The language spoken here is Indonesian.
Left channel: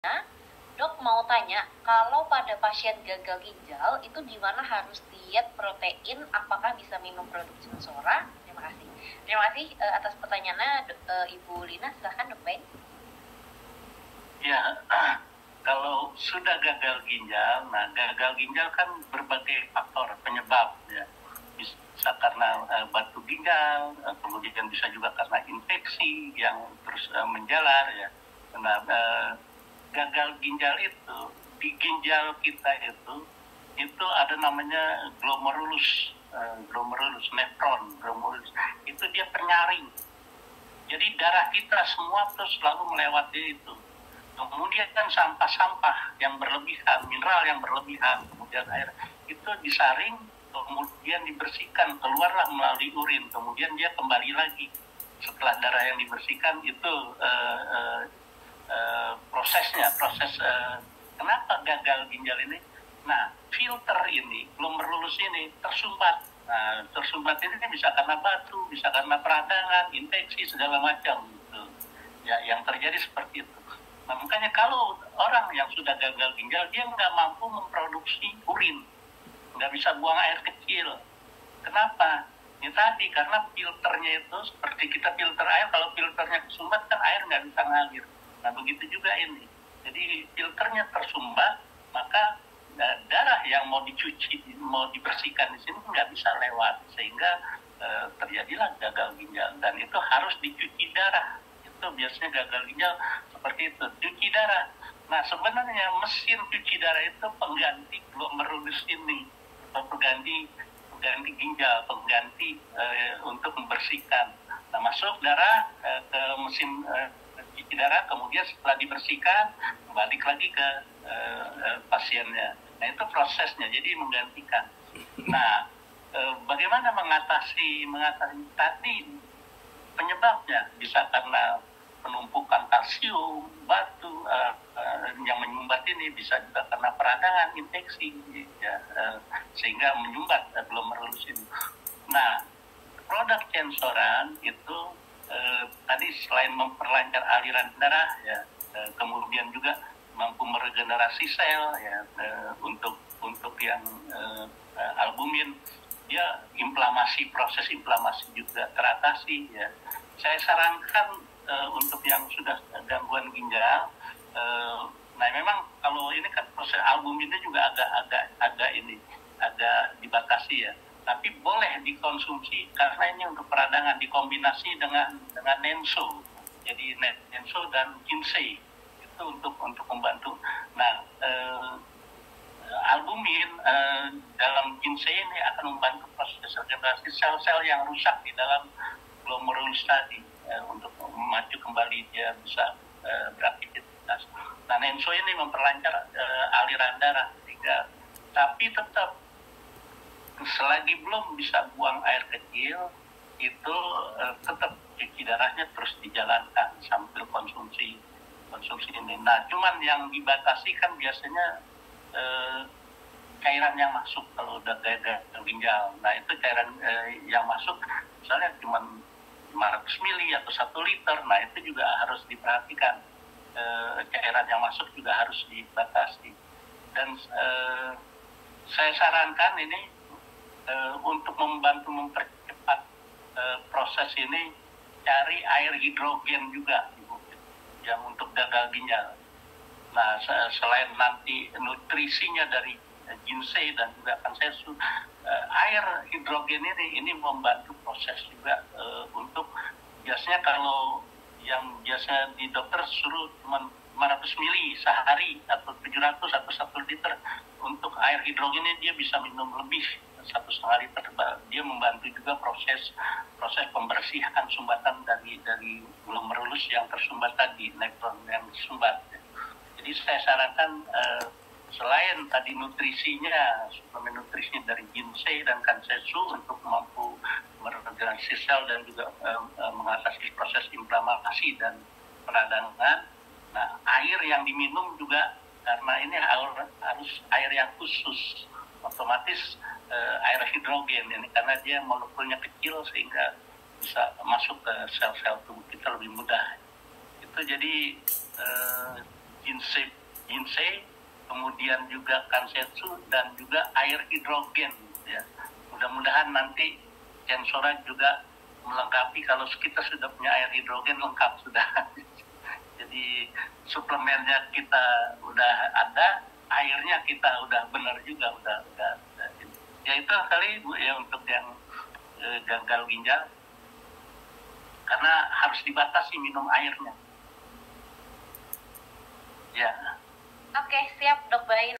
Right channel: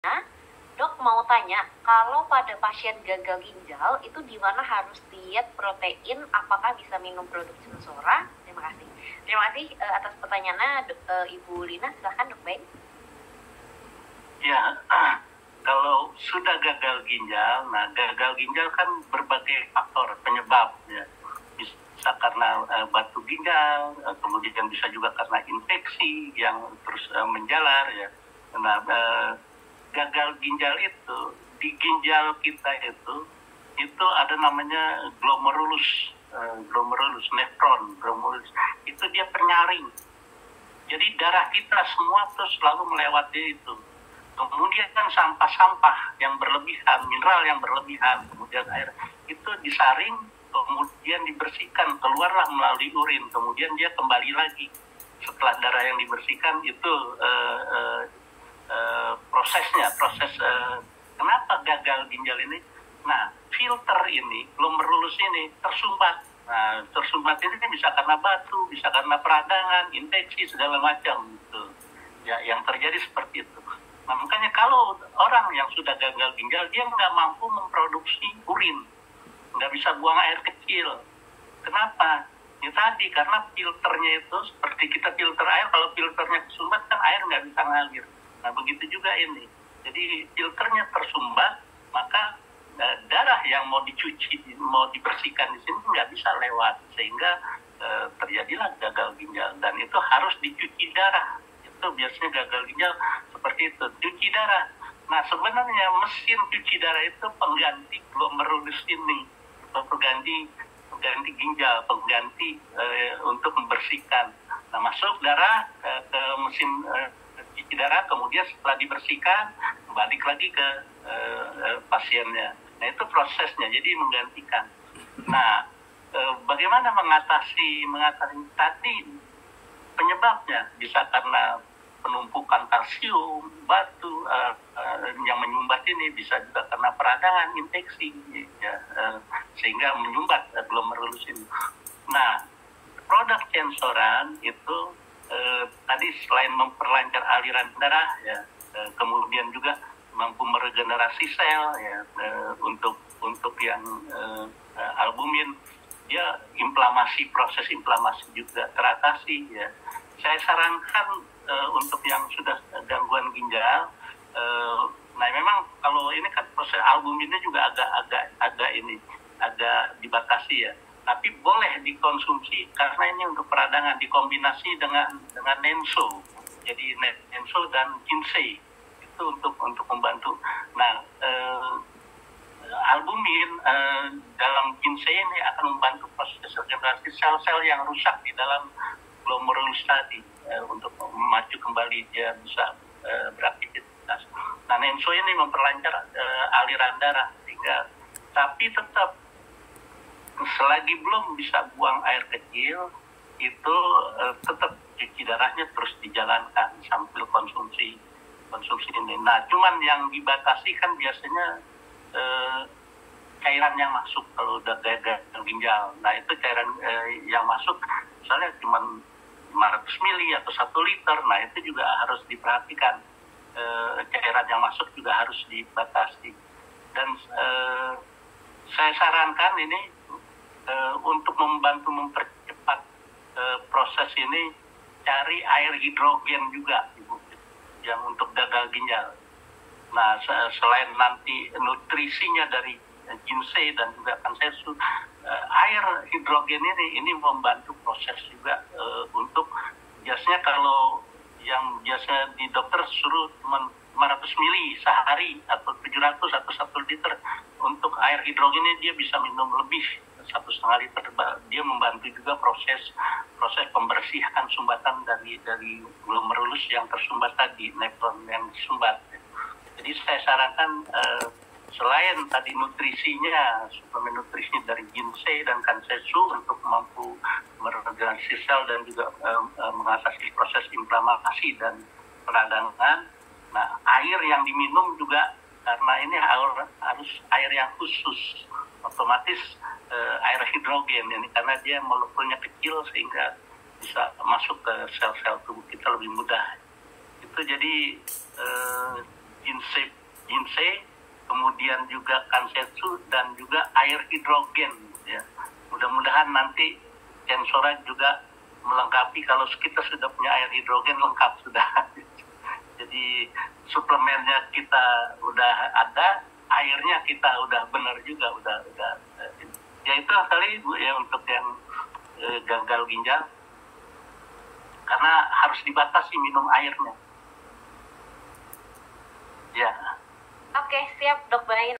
Nah, dok mau tanya, kalau pada pasien gagal ginjal itu di mana harus diet protein? Apakah bisa minum produk Sensora? Terima kasih. Terima kasih atas pertanyaannya, Ibu Lina. Silahkan dok Ben. Ya, kalau sudah gagal ginjal, nah gagal ginjal kan berbagai faktor penyebab ya. Bisa karena batu ginjal, kemudian bisa juga karena infeksi yang terus menjalar ya. Nah, gagal ginjal itu di ginjal kita itu ada namanya glomerulus nephron, glomerulus itu dia penyaring. Jadi darah kita semua terus selalu melewati itu. Kemudian kan sampah-sampah yang berlebihan, mineral yang berlebihan, kemudian air itu disaring, kemudian dibersihkan, keluarlah melalui urin, kemudian dia kembali lagi. Setelah darah yang dibersihkan itu proses kenapa gagal ginjal ini. Nah, filter ini, glomerulus ini tersumbat. Nah, tersumbat ini bisa karena batu, bisa karena peradangan, infeksi segala macam gitu. Ya, yang terjadi seperti itu. Nah, makanya kalau orang yang sudah gagal ginjal, dia nggak mampu memproduksi urin, nggak bisa buang air kecil. Kenapa? Ya tadi, karena filternya itu seperti kita filter air, kalau filternya tersumbat kan air nggak bisa ngalir. Nah, begitu juga ini. Jadi filternya tersumbat, maka darah yang mau dicuci, mau dibersihkan di sini nggak bisa lewat, sehingga terjadilah gagal ginjal. Dan itu harus dicuci darah. Itu biasanya gagal ginjal seperti itu, cuci darah. Nah, sebenarnya mesin cuci darah itu pengganti glomerulus ini, pengganti ginjal, pengganti untuk membersihkan. Nah, masuk darah ke mesin cuci darah, kemudian setelah dibersihkan balik lagi ke pasiennya. Nah, itu prosesnya, jadi menggantikan. Nah, bagaimana mengatasi tadi penyebabnya? Bisa karena penumpukan kalsium, batu yang menyumbat ini, bisa juga karena peradangan, infeksi, ya, sehingga menyumbat glomerulus ini. Nah, produk Censoran itu tadi selain memperlancar aliran darah, ya, kemudian juga mampu meregenerasi sel, ya, untuk yang albumin, dia proses inflamasi juga teratasi, ya. Saya sarankan untuk yang sudah gangguan ginjal, nah memang kalau ini kan proses albuminnya juga agak dibatasi ya, tapi boleh dikonsumsi karena ini untuk peradangan, dikombinasi dengan Nenso, jadi Nenso dan Ginsei itu untuk membantu. Nah, albumin dalam ginseng ini akan membantu proses regenerasi sel-sel yang rusak di dalam glomerulus tadi, untuk memacu kembali dia bisa beraktivitas. Nah, Nenso ini memperlancar aliran darah, sehingga tapi tetap selagi belum bisa buang air kecil itu tetap cuci darahnya terus dijalankan sambil konsumsi ini. Nah, cuman yang dibatasi kan biasanya cairan yang masuk kalau udah gagal ginjal. Nah, itu cairan yang masuk misalnya cuma 500 mili atau 1 liter. Nah, itu juga harus diperhatikan. Cairan yang masuk juga harus dibatasi. Dan saya sarankan ini untuk membantu mempercepat proses ini, cari air hidrogen juga, Ibu, yang untuk gagal ginjal. Nah, selain nanti nutrisinya dari ginseng dan juga kansesu, air hidrogen ini membantu proses juga untuk, biasanya kalau yang biasa di dokter suruh cuma 500 mili sehari atau 700 atau 1 liter, untuk air hidrogen ini dia bisa minum lebih 1,5 liter. Dia membantu juga proses pembersihan sumbatan dari glomerulus yang tersumbat tadi, nephron yang disumbat. Jadi saya sarankan selain tadi nutrisinya, suplemen nutrisinya dari ginseng dan kansesu untuk mampu meregenerasi sel dan juga mengatasi proses inflamasi dan peradangan. Nah, air yang diminum juga, karena ini harus air yang khusus, otomatis air hidrogen ini, karena dia molekulnya kecil sehingga bisa masuk ke sel-sel tubuh kita lebih mudah. Itu jadi ginseng, kemudian juga kansetsu, dan juga air hidrogen. Ya. Mudah-mudahan nanti Sensora juga melengkapi, kalau kita sudah punya air hidrogen lengkap sudah. Jadi suplemennya kita udah ada, airnya kita udah benar juga, udah. Ya itu kali Bu ya untuk yang gagal ginjal, karena harus dibatasi minum airnya. Ya. Oke, siap Dok Bain.